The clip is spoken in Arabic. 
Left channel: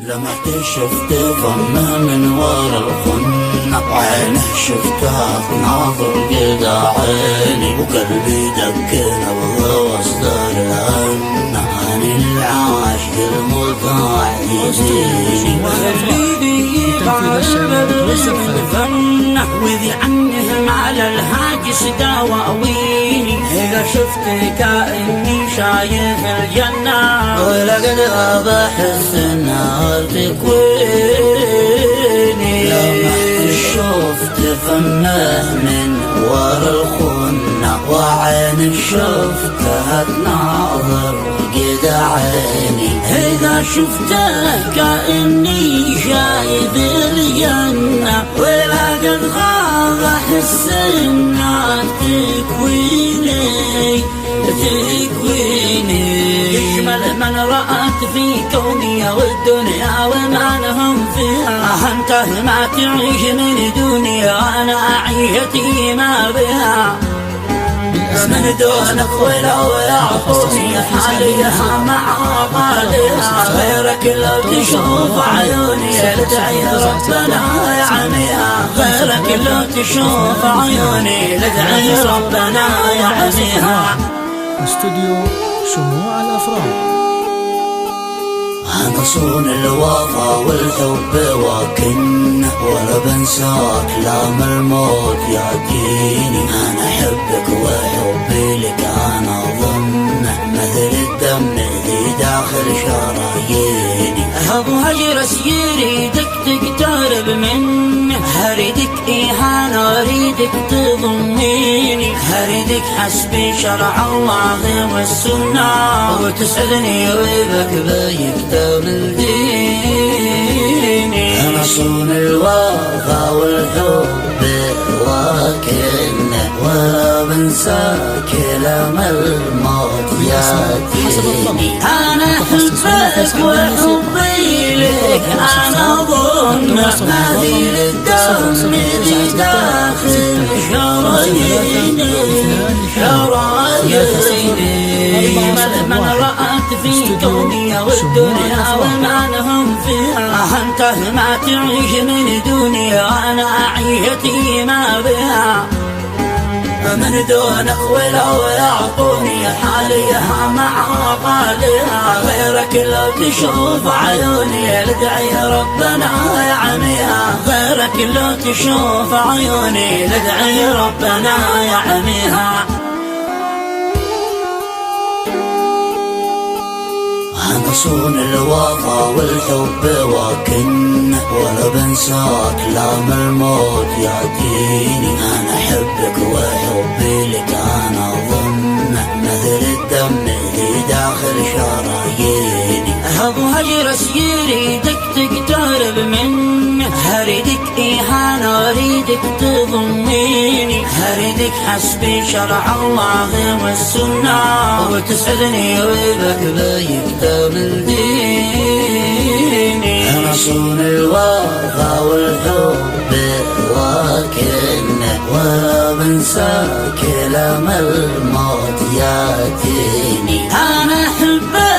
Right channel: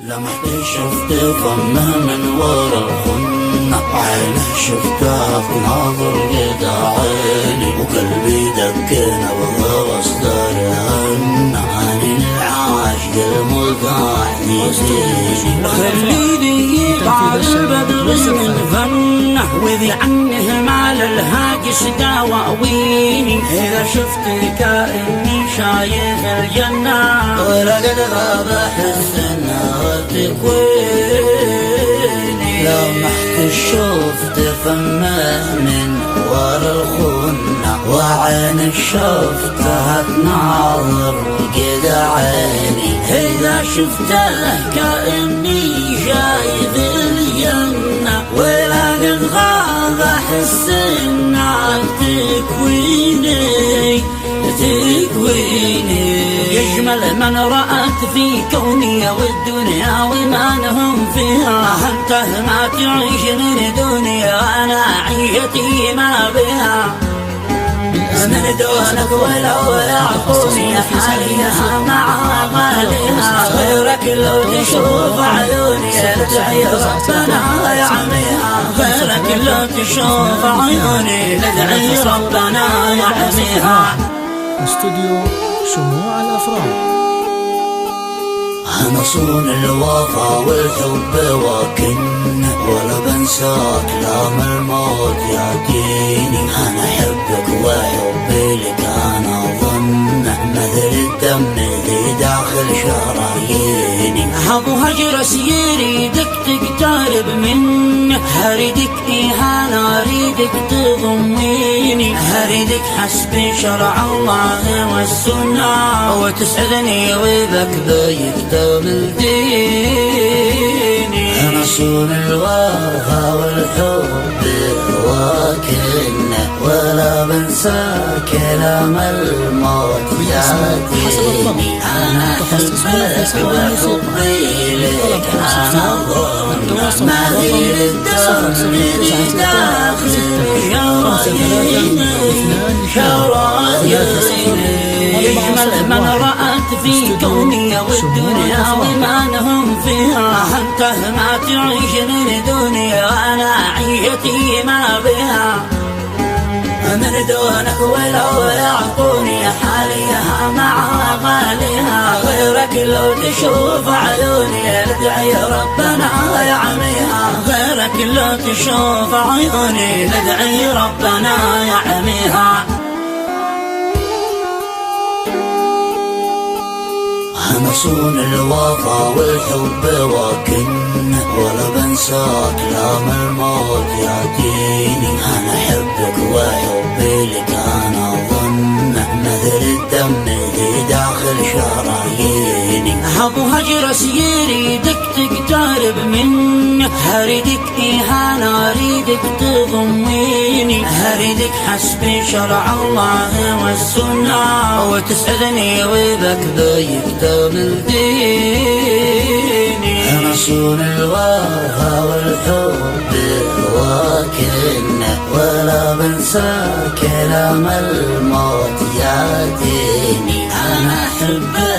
لمحت شفت فمه من ورا الخنة، عينه شفتها ناظر قد عيني، وقلبي دكنا وهو صدر عنا عن العاشق المطاع يزيني. خليني يطالب الغصن فنه، وذي عنه مال الهاجس دواويني. إذا شفت كأني شايف الجنة، ولقد غاب حس النار تكويني. لمحت شفت فمه من ورا الخنة، وعين شفتها تناظر قد عيني. إذا شفته كأني شايف الجنة، ولقد غاب حس النار تكويني. يجمل من رأت في كوني والدنيا ومعنهم فيها، أنت ما تعيش من دنيا، أنا عيتي ما بها. من دونك ولو يعطوني حاليها مع غاليها، غيرك لو تشوف عيوني لدعي ربنا يعميها. غيرك لو تشوف عيوني لدعي ربنا يعميها. استوديو شموع الأفراح. أنا صون الوفا والحب وكن، ولا بنساك لام الموت يأتيني. أنا أحبك وحبي لك أنا ظنه، مثل الدم الذي داخل شراييني. حق هجر سيري دك تقترب منه، هريدك إهانة أريدك تضميني. هريدك حسبي شرع الله والسنة، وتسعدني وبك بيكتب الديني. أنا صون الوفا والحب وكنه، ولا بنساك لما الموت يأتيني. حسب الضبط المتخصص هنا في سحب الموسيقى. لطلب أو استفسار تواصل مع الرقم 0096 من رأت في كوني والدنيا ومعنهم فيها، أنت ما تعيش من دنيا، أنا عيتي ما بها. من دونك ولو يعطوني حاليها مع غاليها، غيرك لو تشوف عيوني لدعي ربنا يعميها. غيرك لو تشوف عيوني لدعي ربنا يعميها. أنا صون الوفا والحب وكن، ولا بنساك لام الموت يأتيني. أنا أحبك وحبي لك أنا ظنه، مثل الدم الذي داخل شراييني. حق هجر سيري دك تقترب منه، هريدك إهانة أريدك تضميني. هريدك حسبي شرع الله والسنة، وتسعدني وبك بيكتب الديني. أنا صون الوفا والحب وكنه، ولا بنساك لما الموت يأتيني. أنا أحبك